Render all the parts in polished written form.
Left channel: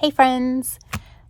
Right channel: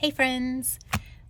Hey friends,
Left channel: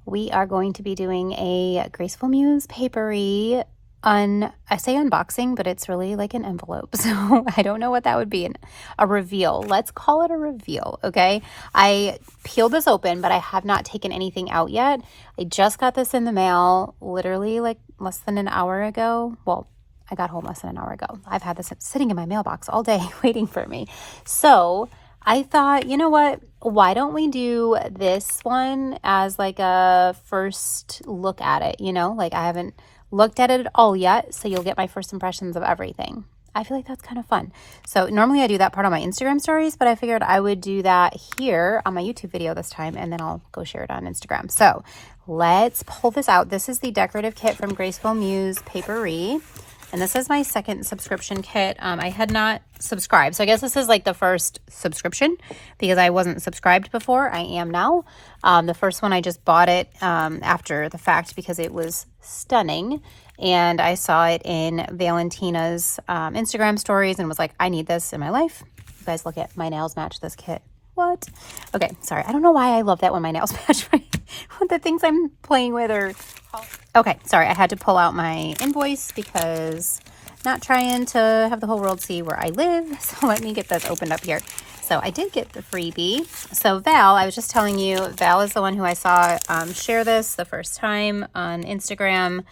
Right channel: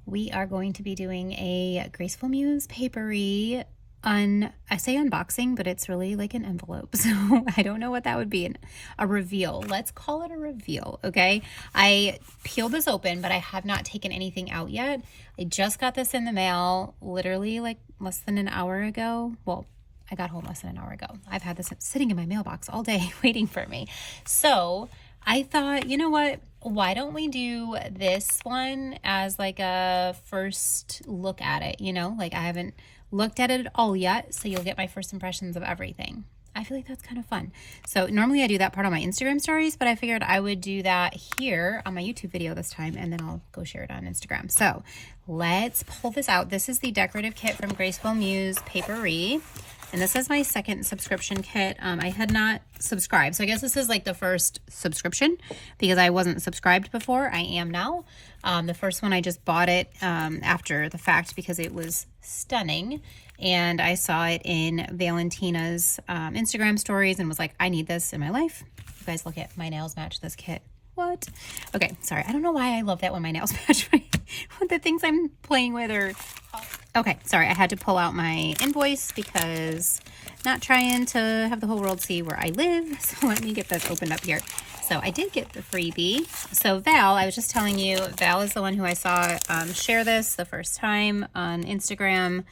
we are going to be doing a Graceful Muse Paperie I say unboxing, but it's really like an envelope. So I don't know what that would be. A reveal. Let's call it a reveal, okay? I peeled this open, but I have not taken anything out yet. I just got this in the mail literally like less than an hour ago. Well, I got home less than an hour ago. I've had this sitting in my mailbox all day waiting for me. So I thought, you know what? Why don't we do this one as like a first look at it, you know? Like I haven't looked at it at all yet, so you'll get my first impressions of everything. I feel like that's kind of fun. So normally I do that part on my Instagram stories, but I figured I would do that here on my YouTube video this time, and then I'll go share it on Instagram. So let's pull this out. This is the decorative kit from Graceful Muse Paperie. And this is my second subscription kit. I had not subscribed. So I guess this is like the first subscription because I wasn't subscribed before. I am now. The first one, I just bought it after the fact because it was stunning. And I saw it in Valentina's Instagram stories and was like, I need this in my life. You guys look at my nails match this kit. What? Okay, sorry. I don't know why I love that when my nails match the things I'm playing with are... Okay, sorry. I had to pull out my invoice because not trying to have the whole world see where I live. So let me get this opened up here. So I did get the freebie. So Val, I was just telling you, Val is the one who I saw share this the first time on Instagram,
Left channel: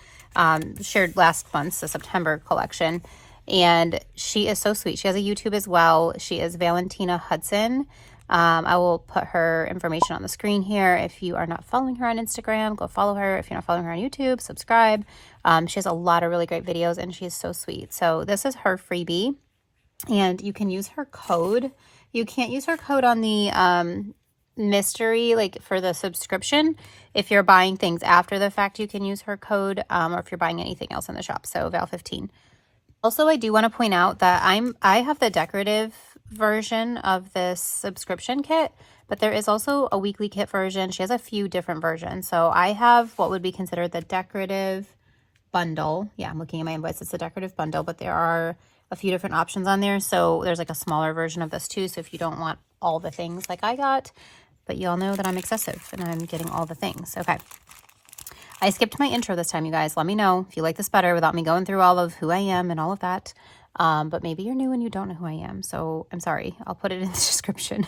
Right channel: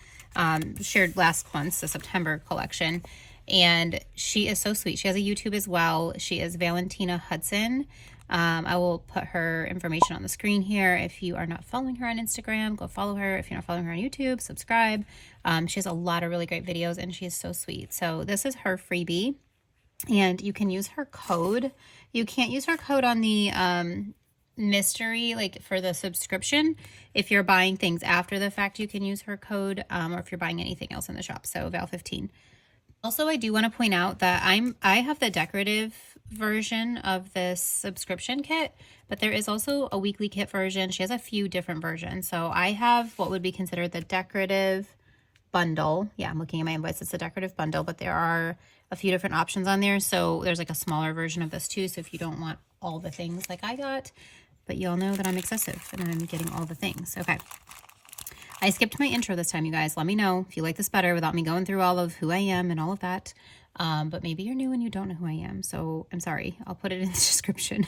shared last month's, the September collection. And she is so sweet. She has a YouTube as well. She is Valentina Hudson. I will put her information on the screen here. If you are not following her on Instagram, go follow her. If you're not following her on YouTube, subscribe. She has a lot of really great videos and she is so sweet. So this is her freebie and you can use her code. You can't use her code on the mystery, like for the subscription. If you're buying things after the fact, you can use her code, or if you're buying anything else in the shop. So Val15. Also, I do want to point out that I have the decorative version of this subscription kit, but there is also a weekly kit version. She has a few different versions. So I have what would be considered the decorative bundle. Yeah, I'm looking at my invoice. It's a decorative bundle, but there are a few different options on there. So there's like a smaller version of this too. So if you don't want all the things like I got, but you all know that I'm excessive and I'm getting all the things. Okay. I skipped my intro this time, you guys. Let me know if you like this better without me going through all of who I am and all of that. But maybe you're new and you don't know who I am. So I'm sorry. I'll put it in the description.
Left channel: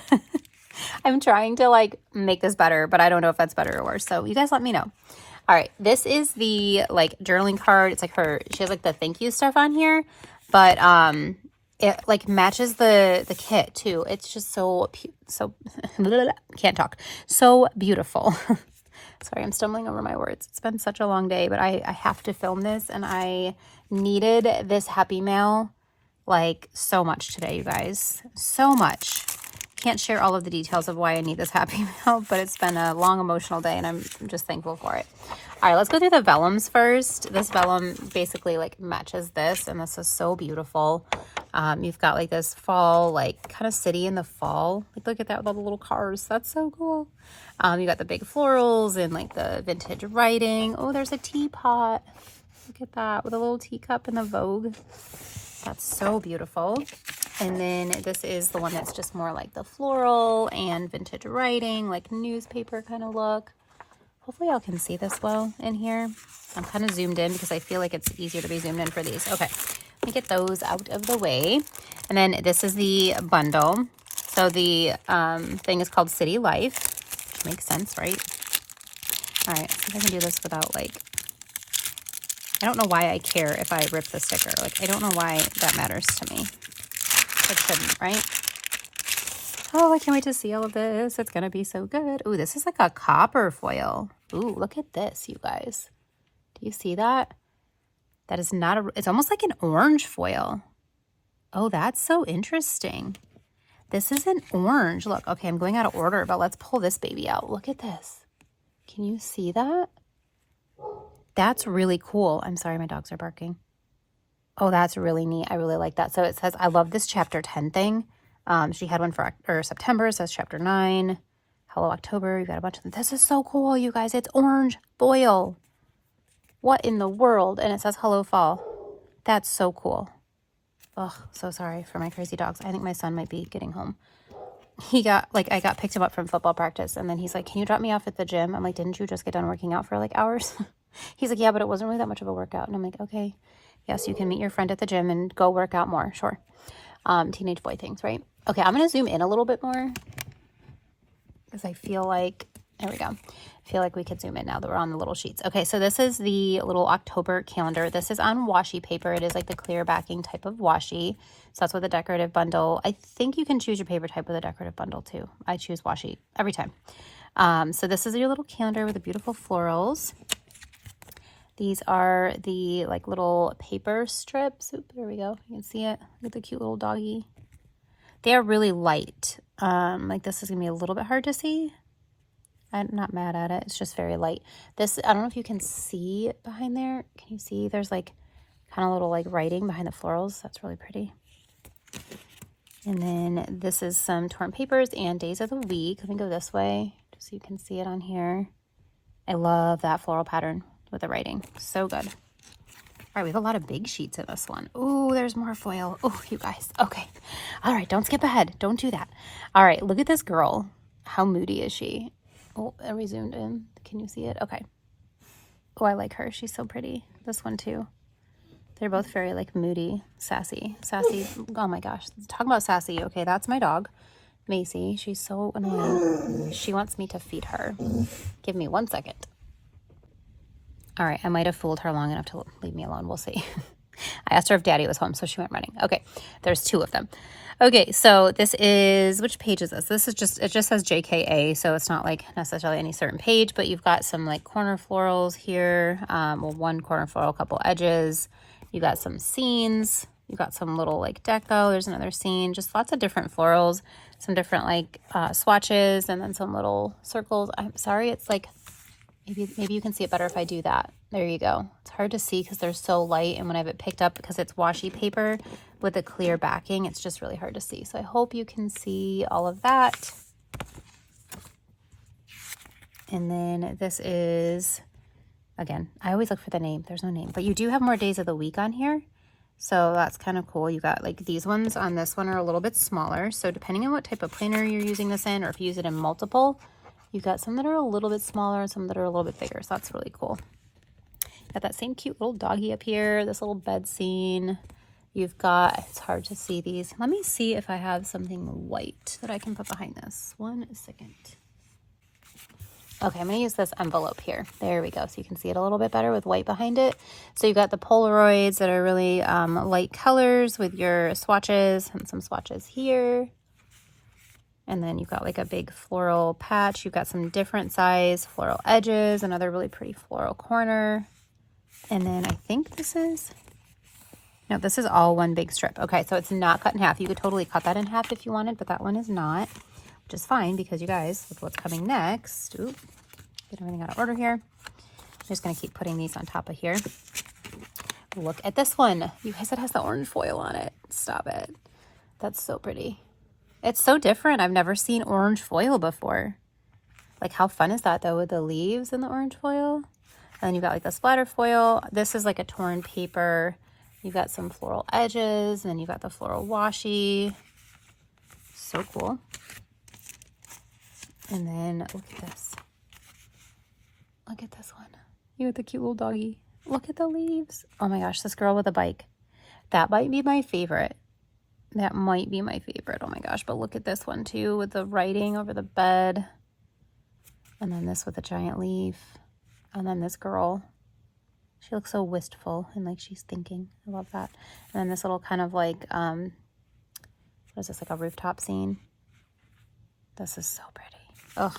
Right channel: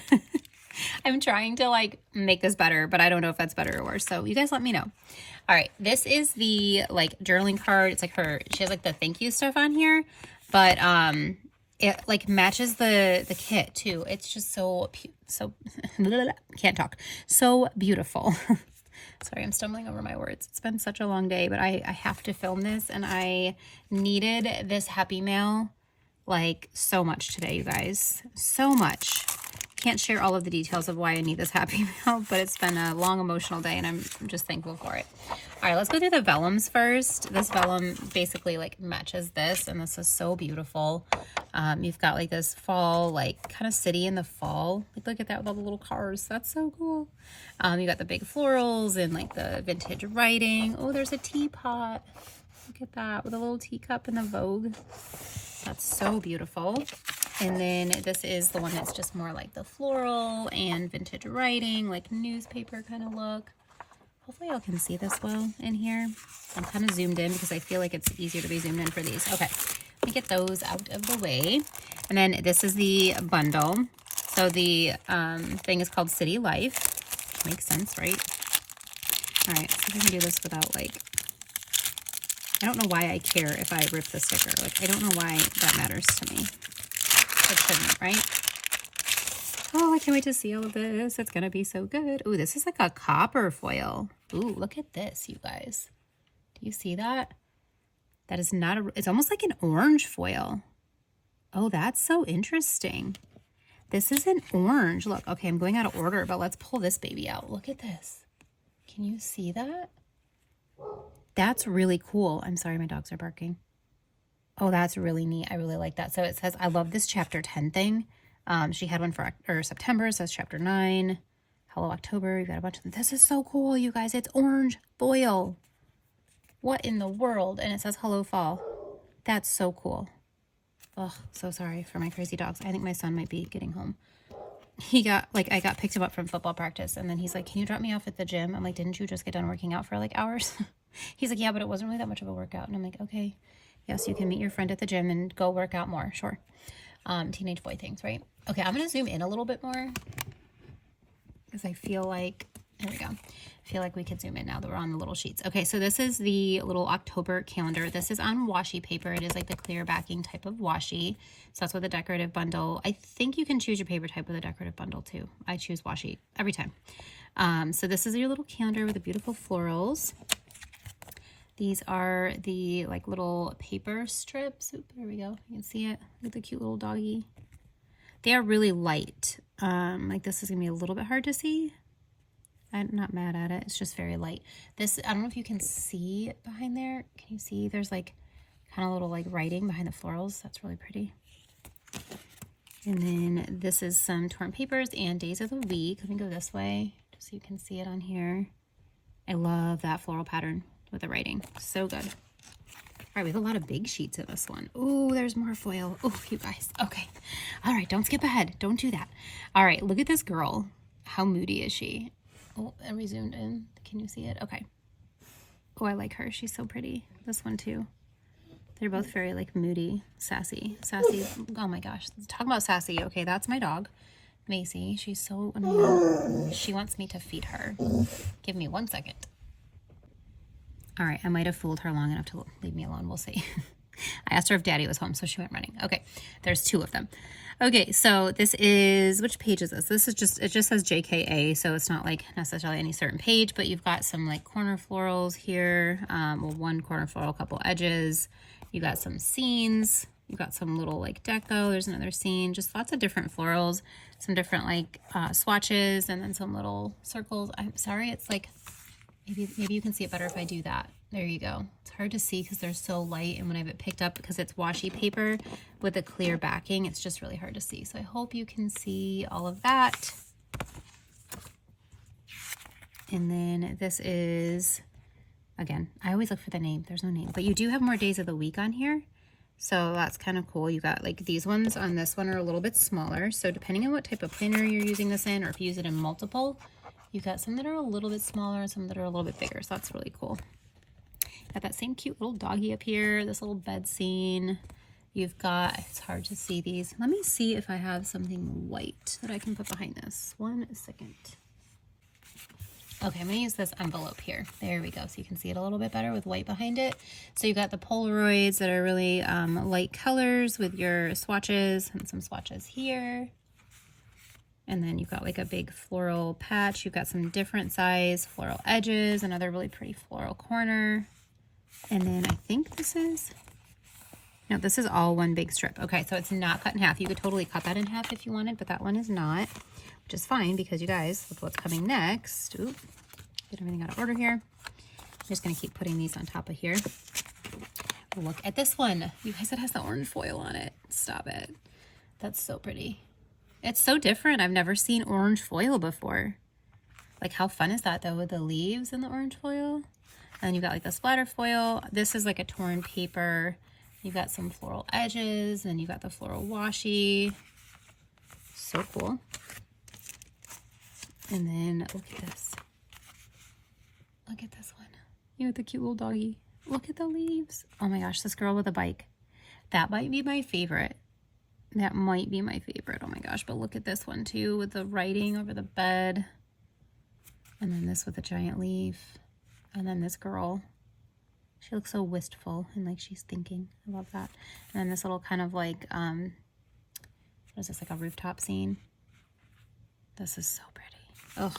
I'm trying to like make this better, but I don't know if that's better or worse. So you guys let me know. All right. This is the like journaling card. It's like she has like the thank you stuff on here, but it like matches the kit too. It's just so can't talk. So beautiful. Sorry, I'm stumbling over my words. It's been such a long day, but I have to film this and I needed this happy mail like so much today, you guys. So much. Can't share all of the details of why I need this happy mail, but it's been a long emotional day and I'm just thankful for it. All right, let's go through the vellums first. This vellum basically like matches this and this is so beautiful. You've got like this fall, like kind of city in the fall. Like look at that with all the little cars. That's so cool. You got the big florals and like the vintage writing. Oh, there's a teapot. Look at that with a little teacup and the Vogue. That's so beautiful. And then this is the one that's just more like the floral and vintage writing, like newspaper kind of look. Hopefully y'all can see this well in here. I'm kind of zoomed in because I feel like it's easier to be zoomed in for these. Okay, let me get those out of the way. And then this is the bundle. So the thing is called City Life, which makes sense, right? All right, see if I can do this without like, I don't know why I care if I rip the sticker. Like, I don't know why that matters to me. It shouldn't, right? Oh, I can't wait to see all of this. It's going to be so good. Ooh, this is like a copper foil. Ooh, look at this, you guys. Do you see that? That is not a, it's almost like an orange foil. Oh, that's so interesting. This is an orange. Look, okay, I'm going out of order, but let's pull this baby out. Look at this. Can you see that? That's really cool. I'm sorry, my dogs are barking. Oh, that's really neat. I really like that. So it says, I love this chapter 10 thing. She had one for September. It says chapter 9. Hello, October. You got a bunch of them. This is so cool, you guys. It's orange foil. What in the world? And it says hello, fall. That's so cool. Oh, so sorry for my crazy dogs. I think my son might be getting home. he got, like, I got picked him up from football practice, and then he's like, can you drop me off at the gym? I'm like, didn't you just get done working out for like hours? He's like, yeah, but it wasn't really that much of a workout. And I'm like, okay, yes, you can meet your friend at the gym and go work out more. Sure. Teenage boy things, right? Okay, I'm going to zoom in a little bit more because I feel like, there we go. I feel like we could zoom in now that we're on the little sheets. Okay, so this is the little October calendar. This is on washi paper. It is like the clear backing type of washi. So that's what the decorative bundle. I think you can choose your paper type with a decorative bundle too. I choose washi every time. So this is your little calendar with the beautiful florals. These are the like little paper strips. Oop, there we go. You can see it with the cute little doggy. They are really light. Like this is gonna be a little bit hard to see. I'm not mad at it. It's just very light. This, I don't know if you can see it behind there. Can you see? There's like kind of little like writing behind the florals. That's really pretty. And then this is some torn papers and days of the week. Let me go this way just so you can see it on here. I love that floral pattern with the writing. So good. All right, we have a lot of big sheets in this one. Ooh, there's more foil. Oh, you guys. Okay. All right, don't skip ahead. Don't do that. All right, look at this girl. How moody is she? Oh, and we zoomed in. Can you see it? Okay. Oh, I like her. She's so pretty. This one too. They're both very like moody, sassy. Sassy. Oh my gosh. Talk about sassy. Okay, that's my dog, Macy. She's so annoying. She wants me to feed her. Give me 1 second. All right, I might have fooled her long enough to leave me alone. We'll see. I asked her if Daddy was home, so she went running. Okay, there's 2 of them. Okay, so this is, which page is this? This is just, it just says JKA, so it's not like necessarily any certain page, but you've got some like corner florals here. Well, 1 corner floral, a couple edges. You got some scenes. You got some little like deco. There's another scene. Just lots of different florals, some different like swatches, and then some little circles. I'm sorry, it's like, maybe you can see it better if I do that. There you go. It's hard to see because they're so light, and when I have it picked up, because it's washi paper with a clear backing, it's just really hard to see. So I hope you can see all of that. And then this is, again, I always look for the name. There's no name, but you do have more days of the week on here. So that's kind of cool. You got like these ones on this one are a little bit smaller. So depending on what type of planner you're using this in, or if you use it in multiple, you've got some that are a little bit smaller and some that are a little bit bigger. So that's really cool. Got that same cute little doggy up here, this little bed scene. You've got, it's hard to see these. Let me see if I have something white that I can put behind this. 1 second. Okay, I'm gonna use this envelope here. There we go. So you can see it a little bit better with white behind it. So you got the Polaroids that are really light colors with your swatches, and some swatches here. And then you've got like a big floral patch. You've got some different size floral edges, another really pretty floral corner. And then I think this is, no, this is all one big strip. Okay, so it's not cut in half. You could totally cut that in half if you wanted, but that one is not, which is fine because you guys, with what's coming next, oop, get everything out of order here. I'm just gonna keep putting these on top of here. Look at this one. You guys, it has the orange foil on it. Stop it. That's so pretty. It's so different. I've never seen orange foil before. Like, how fun is that though, with the leaves and the orange foil? And you've got like the splatter foil. This is like a torn paper. You've got some floral edges, and then you've got the floral washi. So cool. And then look at this. Look at this one. You got the cute little doggy. Look at the leaves. Oh my gosh, this girl with a bike. That might be my favorite. That might be my favorite. Oh my gosh, but look at this one too with the writing over the bed. And then this with a giant leaf. And then this girl, she looks so wistful and like she's thinking. I love that. And then this little kind of like, what is this, like a rooftop scene? This is so pretty. Oh,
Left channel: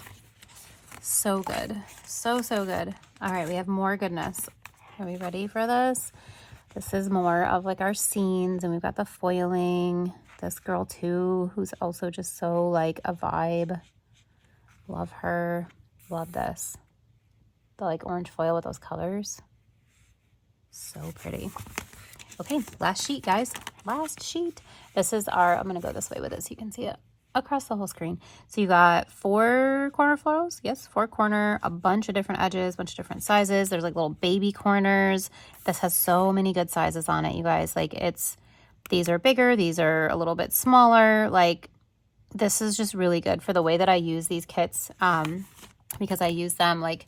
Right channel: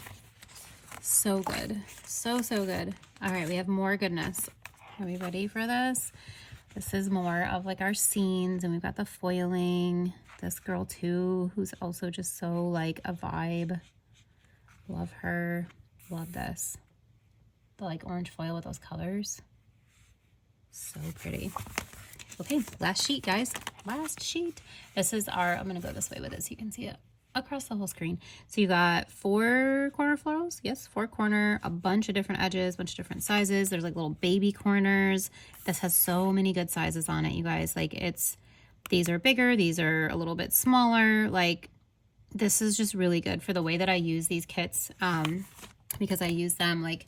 so good. So, so good. All right, we have more goodness. Are we ready for this? This is more of like our scenes, and we've got the foiling. This girl too, who's also just so like a vibe. Love her. Love this. The like orange foil with those colors. So pretty. Okay, last sheet, guys. Last sheet. This is our, I'm gonna go this way with it so you can see it across the whole screen. So you got 4 corner florals. Yes, 4 corner, a bunch of different edges, bunch of different sizes. There's like little baby corners. This has so many good sizes on it, you guys. Like, it's, these are bigger, these are a little bit smaller. Like, this is just really good for the way that I use these kits, because I use them like,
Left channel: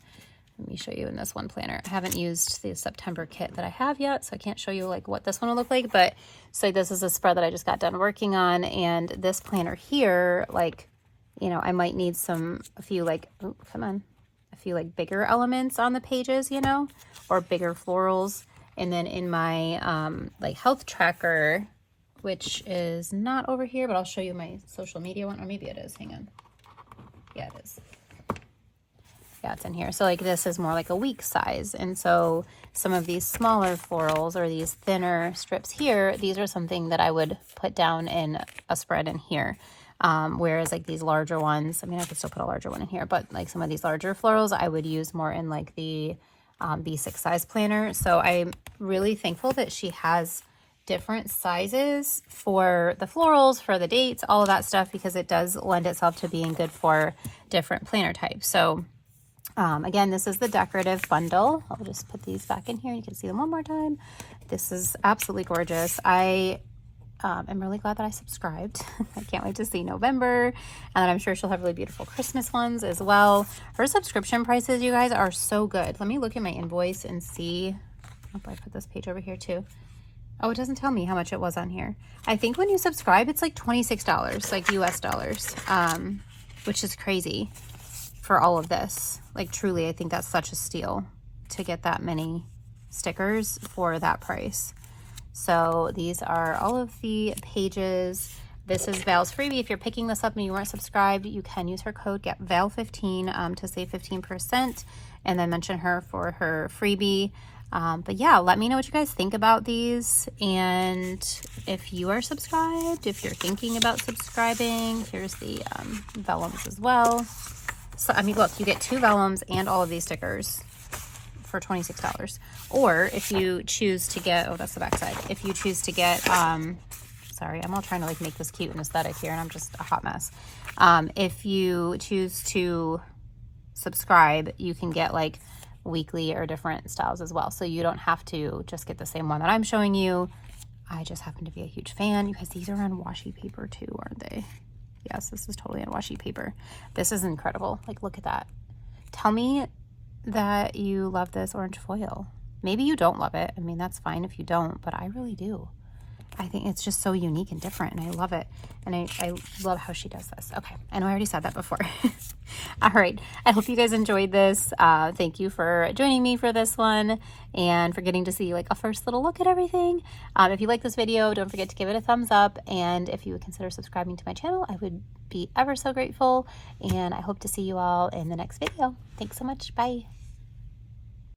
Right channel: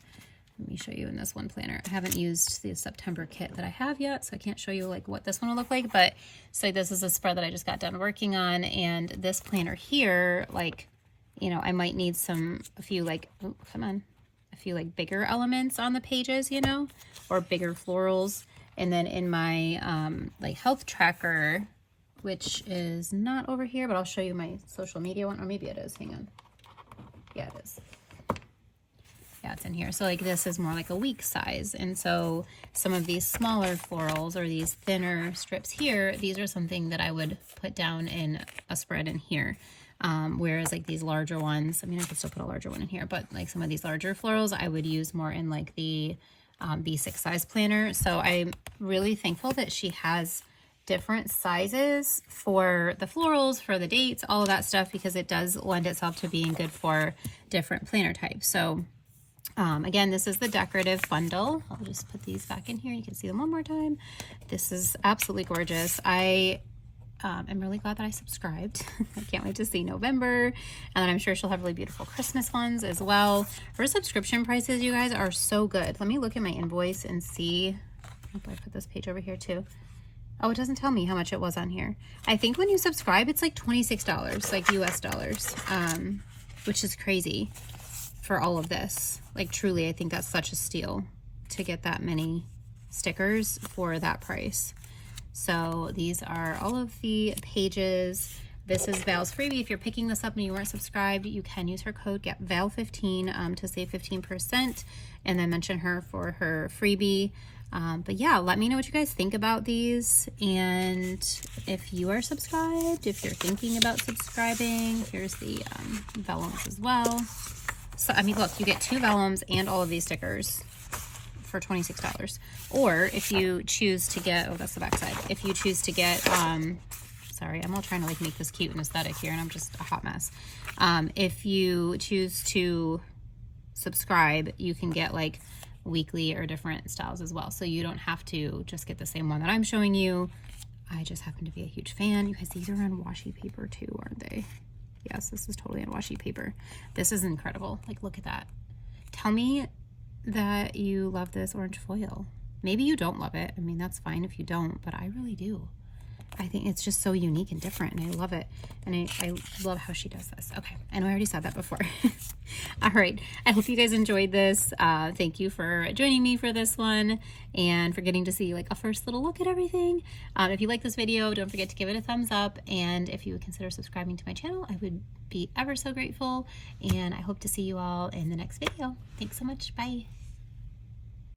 let me show you in this one planner. I haven't used the September kit that I have yet, so I can't show you like what this one will look like, but so this is a spread that I just got done working on, and this planner here, like, you know, I might need a few like, oh, come on, a few like bigger elements on the pages, you know, or bigger florals. And then in my like health tracker, which is not over here, but I'll show you my social media one, or maybe it is, hang on. Yeah, it is. Yeah, it's in here. So like this is more like a week size. And so some of these smaller florals or these thinner strips here, these are something that I would put down in a spread in here. Whereas like these larger ones, I mean, I could still put a larger one in here, but like some of these larger florals, I would use more in like the B6 size planner. So I'm really thankful that she has different sizes for the florals, for the dates, all of that stuff, because it does lend itself to being good for different planner types. So again, this is the decorative bundle. I'll just put these back in here. You can see them one more time. This is absolutely gorgeous. I'm really glad that I subscribed. I can't wait to see November, and I'm sure she'll have really beautiful Christmas ones as well. Her subscription prices, you guys, are so good. Let me look at my invoice and see. I hope I put this page over here too. Oh, it doesn't tell me how much it was on here. I think when you subscribe, it's like $26, like US dollars, which is crazy for all of this. Like truly, I think that's such a steal to get that many stickers for that price. So these are all of the pages. This is Val's freebie. If you're picking this up and you weren't subscribed, you can use her code GetVal15 to save 15%, and then mention her for her freebie. But yeah, let me know what you guys think about these, and if you are subscribed, if you're thinking about subscribing. Here's the vellums as well. So I mean, look, you get 2 vellums and all of these stickers for $26. Or if you choose to get, oh, that's the back side. If you choose to get, sorry, I'm all trying to like make this cute and aesthetic here, and I'm just a hot mess. If you choose to subscribe, you can get like weekly or different styles as well. So you don't have to just get the same one that I'm showing you. I just happen to be a huge fan. You guys, these are on washi paper too, aren't they? Yes, this is totally on washi paper. This is incredible. Like, look at that. Tell me that you love this orange foil. Maybe you don't love it. I mean, that's fine if you don't, but I really do. I think it's just so unique and different, and I love it. And I love how she does this. Okay, I know I already said that before. All right, I hope you guys enjoyed this. Thank you for joining me for this one and for getting to see like a first little look at everything. If you like this video, don't forget to give it a thumbs up, and if you would consider subscribing to my channel, I would be ever so grateful. And I hope to see you all in the next video. Thanks so much. Bye.